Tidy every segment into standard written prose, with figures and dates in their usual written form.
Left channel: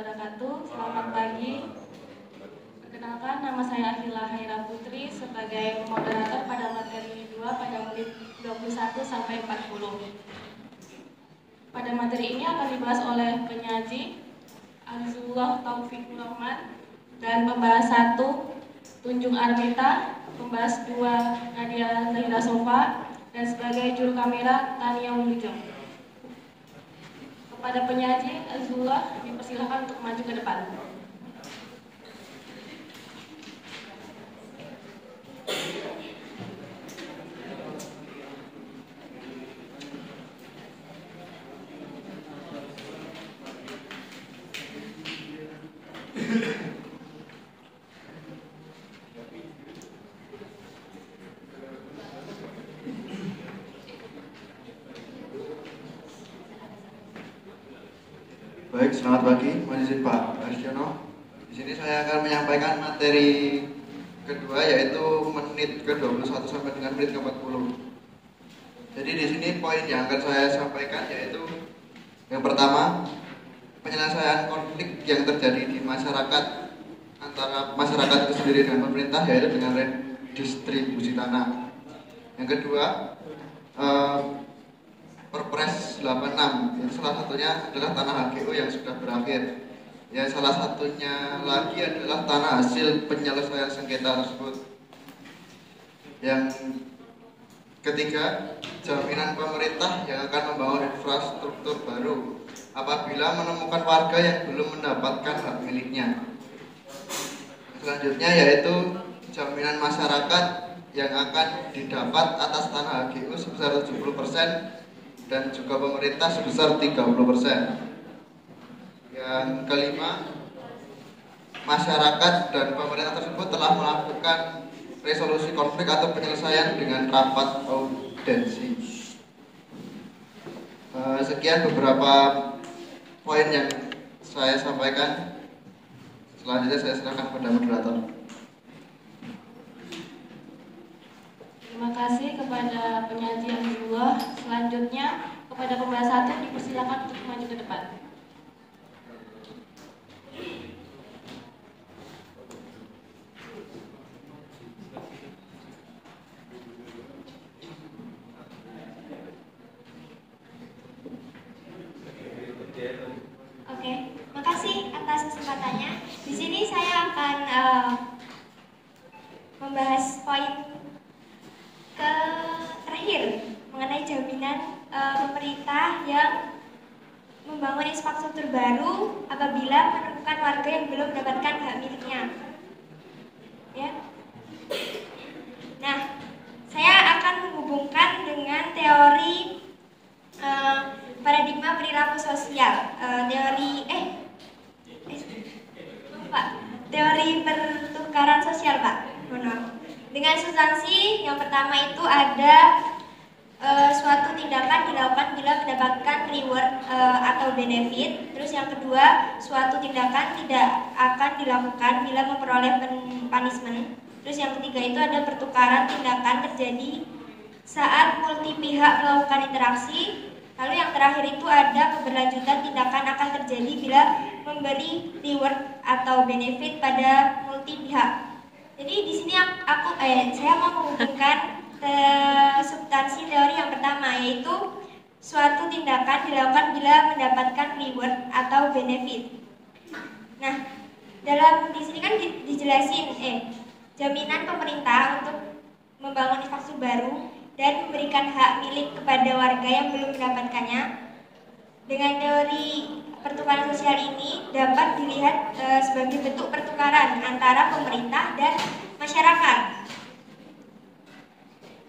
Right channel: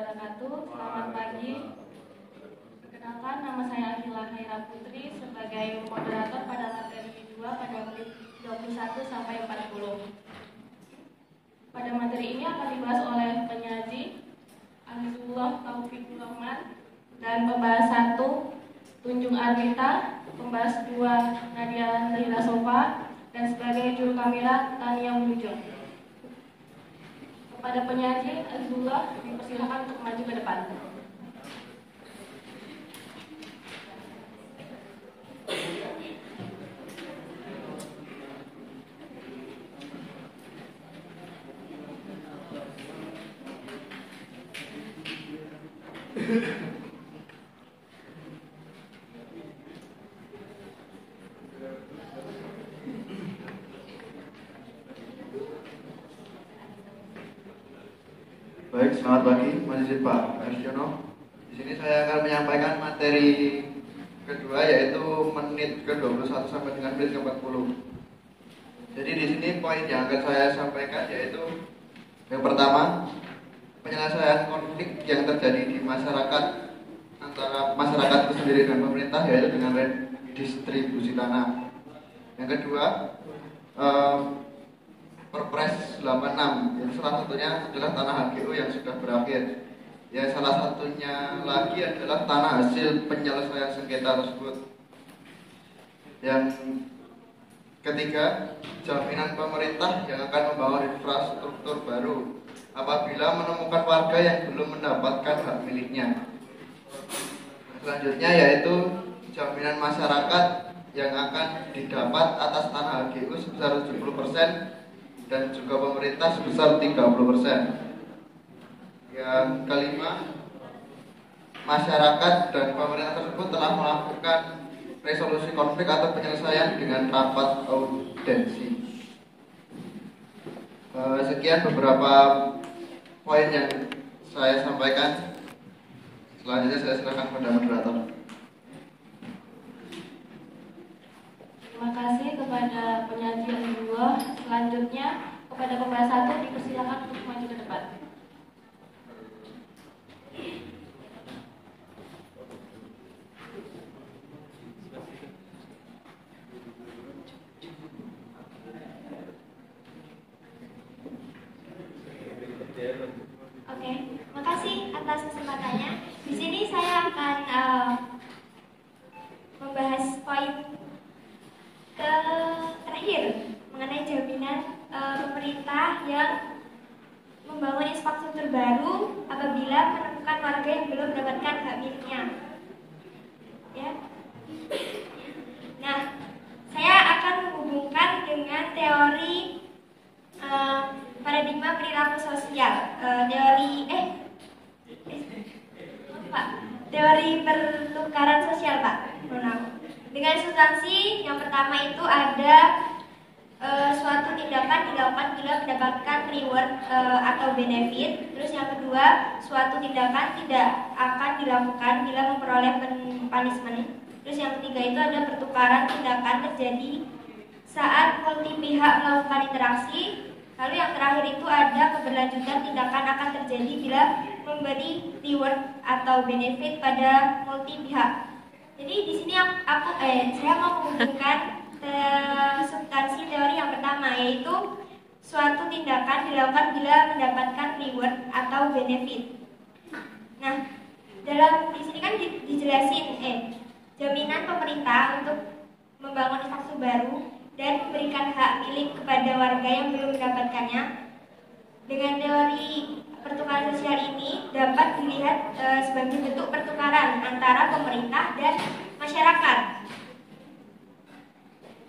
wabarakatuh. Selamat pagi. Perkenalkan, nama saya Ahila Haira Putri sebagai moderator pada materi 2 pada menit 21 sampai 40. Pada materi ini akan dibahas oleh penyaji Azizullah Taufikur Rahman, dan pembahas 1 Tunjung Armita, pembahas 2 Nadia Zahira Sofa, dan sebagai juru kamera Tania Wilujeng. Kepada penyaji Azizullah dipersilakan untuk maju ke depan. Baik, selamat pagi, Masjid Pak Arsiono. Di sini saya akan menyampaikan materi kedua, yaitu menit ke-21 sampai dengan menit ke-40. Jadi di sini poin yang akan saya sampaikan yaitu yang pertama, penyelesaian konflik yang terjadi di masyarakat antara masyarakat itu sendiri dengan pemerintah, yaitu dengan redistribusi tanah. Yang kedua, Perpres 86, itu salah satunya adalah tanah HGU yang sudah berakhir. Ya, salah satunya lagi adalah tanah hasil penyelesaian sengketa tersebut. Yang ketiga, jaminan pemerintah yang akan membangun infrastruktur baru apabila menemukan warga yang belum mendapatkan hak miliknya. Selanjutnya yaitu jaminan masyarakat yang akan didapat atas tanah HGU sebesar 70% dan juga pemerintah sebesar 30%. Yang kelima, masyarakat dan pemerintah tersebut telah melakukan resolusi konflik atau penyelesaian dengan rapat audensi. Sekian beberapa poin yang saya sampaikan. Selanjutnya saya silakan kepada moderator. Terima kasih kepada penyaji yang kedua. Selanjutnya kepada pembahas 1 dipersilakan untuk maju ke depan. Oke, makasih atas kesempatannya. Di sini saya akan membahas poin terakhir mengenai jaminan pemerintah yang membangun infrastruktur baru apabila menemukan warga yang belum mendapatkan hak miliknya. Ya. Nah, saya akan menghubungkan dengan teori paradigma perilaku sosial, teori pertukaran sosial, Pak. Dengan substansi yang pertama itu ada suatu tindakan dilakukan bila mendapatkan reward atau benefit. Terus yang kedua, suatu tindakan tidak akan dilakukan bila memperoleh punishment. Terus yang ketiga itu ada pertukaran tindakan terjadi saat multi pihak melakukan interaksi. Lalu yang terakhir itu ada keberlanjutan tindakan akan terjadi bila memberi reward atau benefit pada multi pihak. Jadi di sini saya mau menghubungkan substansi teori yang pertama, yaitu suatu tindakan dilakukan bila mendapatkan reward atau benefit. Nah, dalam di sini kan dijelasin jaminan pemerintah untuk membangun infrastruktur baru dan memberikan hak milik kepada warga yang belum mendapatkannya. Dengan teori pertukaran sosial ini dapat dilihat sebagai bentuk pertukaran antara pemerintah dan masyarakat.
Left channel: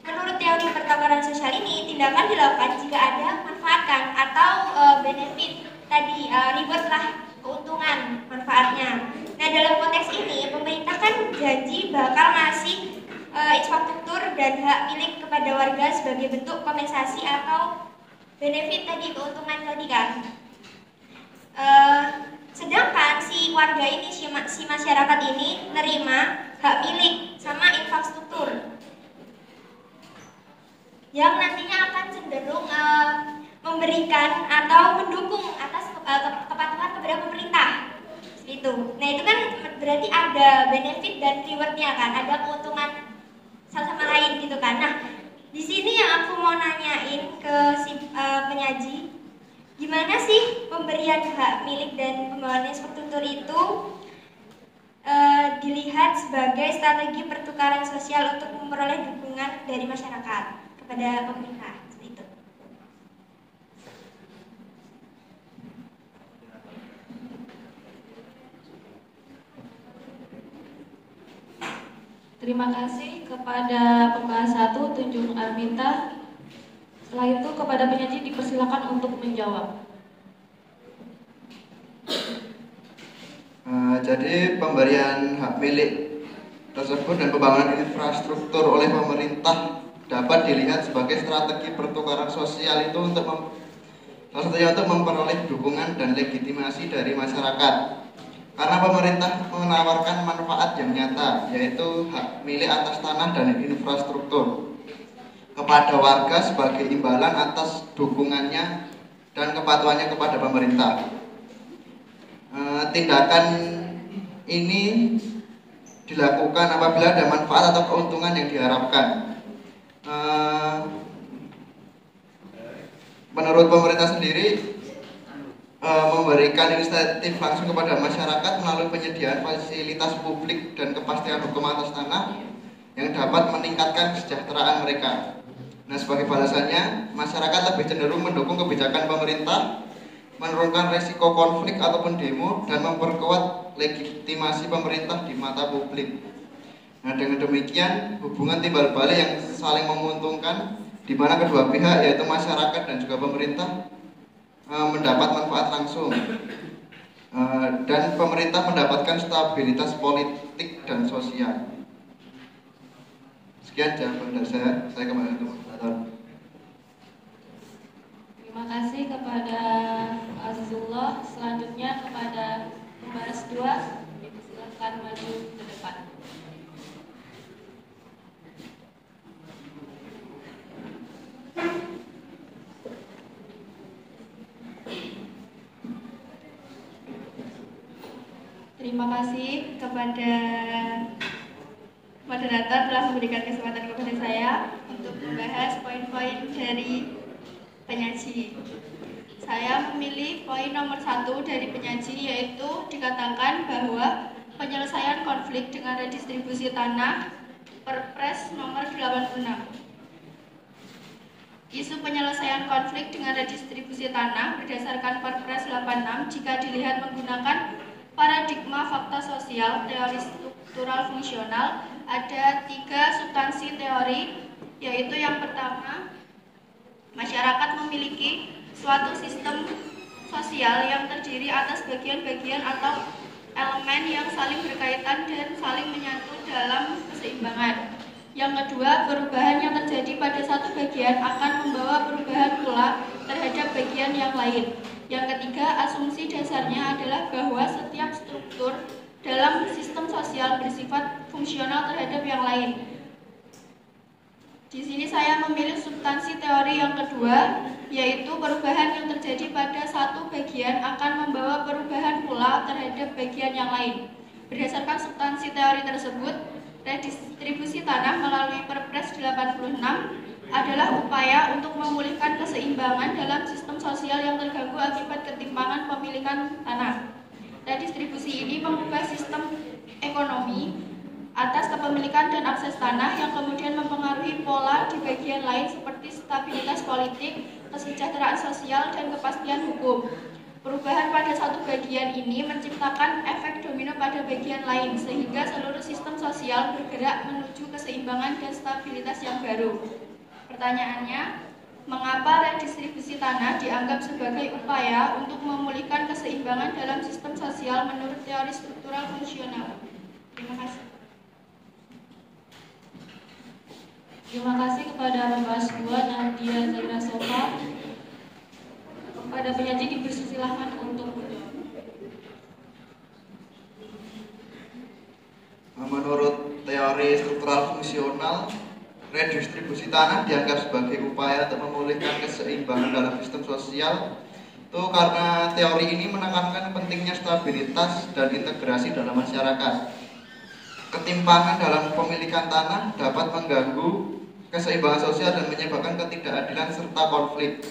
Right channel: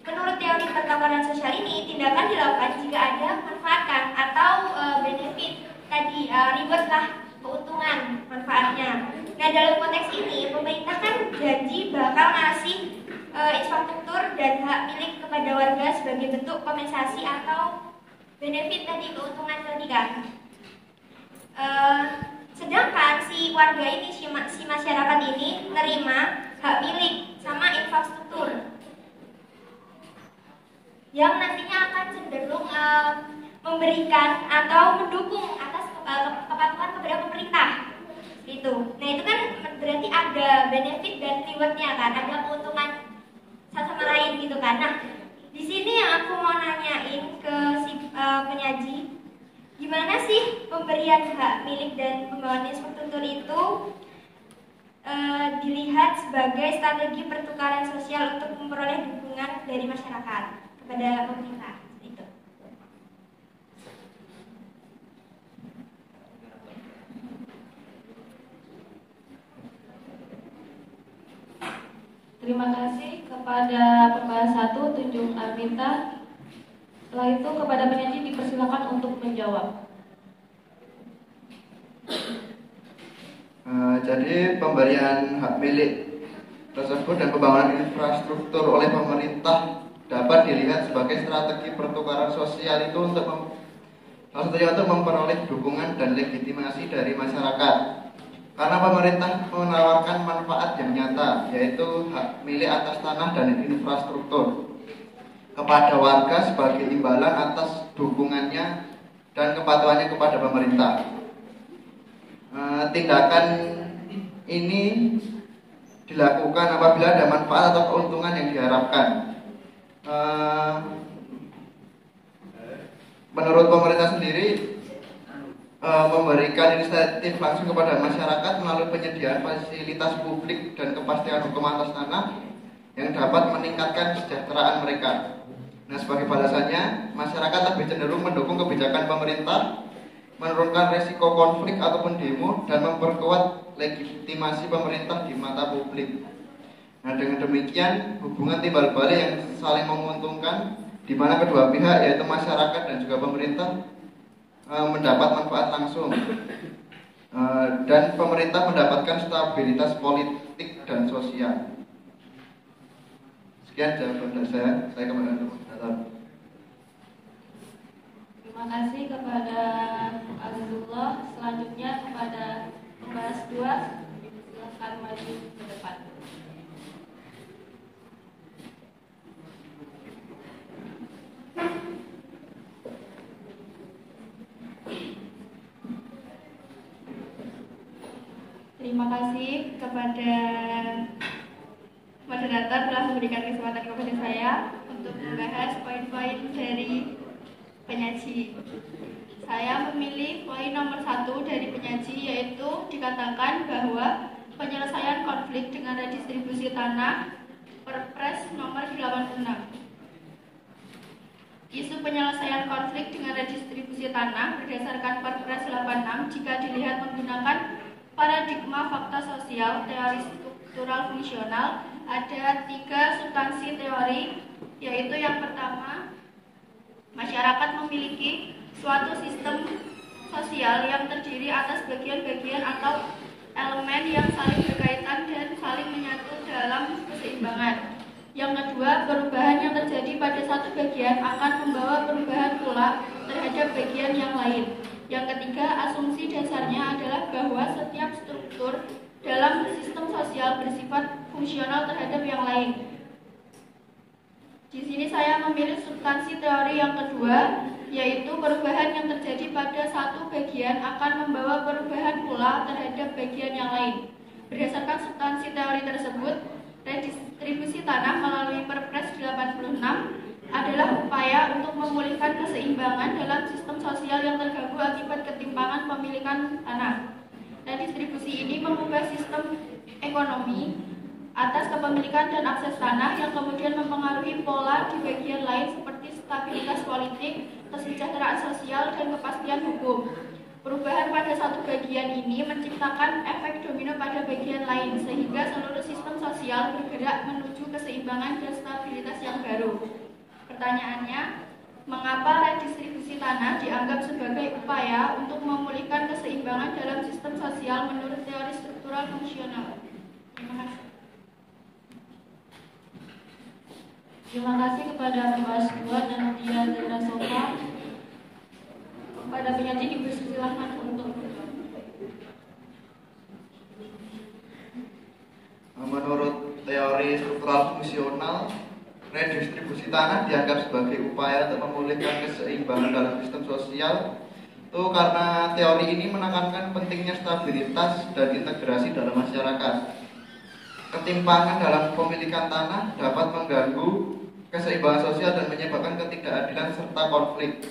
Menurut teori pertukaran sosial ini, tindakan dilakukan jika ada manfaatkan atau benefit tadi, reward lah, keuntungan manfaatnya. Nah, dalam konteks ini pemerintah kan janji bakal ngasih infrastruktur dan hak milik kepada warga sebagai bentuk kompensasi atau benefit tadi, keuntungan tadi kan. Sedangkan si warga ini, si masyarakat ini nerima hak milik sama infrastruktur yang nantinya akan cenderung memberikan atau mendukung atas kepatuhan kepada pemerintah. itu. Nah itu kan berarti ada benefit dan rewardnya kan, ada keuntungan satu sama lain gitu kan. Nah di sini yang aku mau nanyain ke si penyaji, gimana sih pemberian hak milik dan pembangunan infrastruktur itu dilihat sebagai strategi pertukaran sosial untuk memperoleh dukungan dari masyarakat kepada pemerintah itu. Terima kasih kepada pembahas 1 Tunjung Arminta. Setelah itu kepada penyaji dipersilakan untuk menjawab. Jadi pemberian hak milik tersebut dan pembangunan infrastruktur oleh pemerintah dapat dilihat sebagai strategi pertukaran sosial itu untuk memperoleh dukungan dan legitimasi dari masyarakat. Karena pemerintah menawarkan manfaat yang nyata, yaitu hak milik atas tanah dan infrastruktur kepada warga sebagai imbalan atas dukungannya dan kepatuhannya kepada pemerintah. Tindakan ini dilakukan apabila ada manfaat atau keuntungan yang diharapkan. Menurut pemerintah sendiri, memberikan inisiatif langsung kepada masyarakat melalui penyediaan fasilitas publik dan kepastian hukum atas tanah yang dapat meningkatkan kesejahteraan mereka. Nah, sebagai balasannya, masyarakat lebih cenderung mendukung kebijakan pemerintah, menurunkan resiko konflik ataupun demo, dan memperkuat legitimasi pemerintah di mata publik. Nah, dengan demikian hubungan timbal balik yang saling menguntungkan, di mana kedua pihak yaitu masyarakat dan juga pemerintah mendapat manfaat langsung, dan pemerintah mendapatkan stabilitas politik dan sosial. Sekian jawaban dari saya kembali ke moderator. Terima kasih kepada Azizullah. Selanjutnya kepada pembahas 2, dipersilakan maju ke depan. Terima kasih kepada moderator telah memberikan kesempatan kepada saya untuk membahas poin-poin dari penyaji. Saya memilih poin nomor 1 dari penyaji, yaitu dikatakan bahwa penyelesaian konflik dengan redistribusi tanah Perpres nomor 86. Isu penyelesaian konflik dengan redistribusi tanah berdasarkan Perpres 86 jika dilihat menggunakan paradigma fakta sosial teori struktural fungsional, ada 3 substansi teori, yaitu yang pertama, masyarakat memiliki suatu sistem sosial yang terdiri atas bagian-bagian atau elemen yang saling berkaitan dan saling menyatu dalam keseimbangan. Yang kedua, perubahan yang terjadi pada satu bagian akan membawa perubahan pula terhadap bagian yang lain. Yang ketiga, asumsi dasarnya adalah bahwa setiap struktur dalam sistem sosial bersifat fungsional terhadap yang lain. Di sini saya memilih substansi teori yang kedua, yaitu perubahan yang terjadi pada satu bagian akan membawa perubahan pula terhadap bagian yang lain. Berdasarkan substansi teori tersebut, redistribusi tanah melalui Perpres 86 adalah upaya untuk memulihkan keseimbangan dalam sistem sosial yang terganggu akibat ketimpangan pemilikan tanah. Redistribusi ini mengubah sistem ekonomi atas kepemilikan dan akses tanah yang kemudian mempengaruhi pola di bagian lain seperti stabilitas politik, kesejahteraan sosial, dan kepastian hukum. Perubahan pada satu bagian ini menciptakan efek domino pada bagian lain, sehingga seluruh sistem sosial bergerak menuju keseimbangan dan stabilitas yang baru. Pertanyaannya, mengapa redistribusi tanah dianggap sebagai upaya untuk memulihkan keseimbangan dalam sistem sosial menurut teori struktural fungsional? Terima kasih. Terima kasih kepada pembahas 2, Nadia Zarina Sofa. Kepada penyaji dipersilakan untuk menjawab. Menurut teori struktural fungsional, redistribusi tanah dianggap sebagai upaya untuk memulihkan keseimbangan dalam sistem sosial Itu karena teori ini menekankan pentingnya stabilitas dan integrasi dalam masyarakat. Ketimpangan dalam pemilikan tanah dapat mengganggu keseimbangan sosial dan menyebabkan ketidakadilan serta konflik.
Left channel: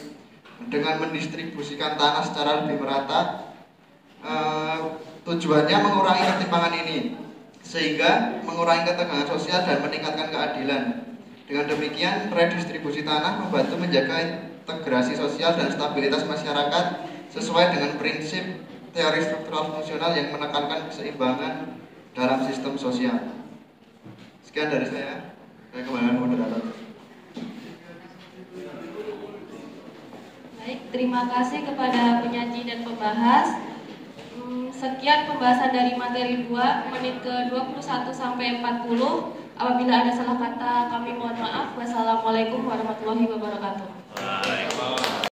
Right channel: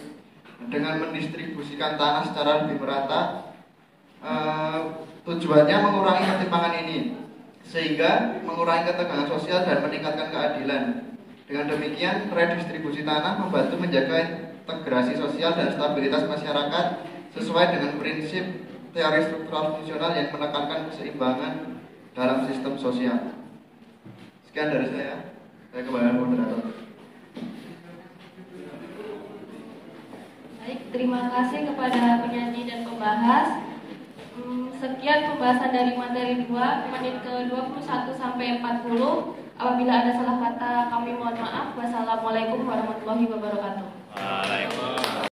Dengan mendistribusikan tanah secara lebih merata, tujuannya mengurangi ketimpangan ini, sehingga mengurangi ketegangan sosial dan meningkatkan keadilan. Dengan demikian, redistribusi tanah membantu menjaga integrasi sosial dan stabilitas masyarakat sesuai dengan prinsip teori struktural fungsional yang menekankan keseimbangan dalam sistem sosial. Sekian dari saya kembali moderator. Baik, terima kasih kepada penyaji dan pembahas. Sekian pembahasan dari materi 2, menit ke-21 sampai 40. Apabila ada salah kata, kami mohon maaf. Wassalamualaikum warahmatullahi wabarakatuh.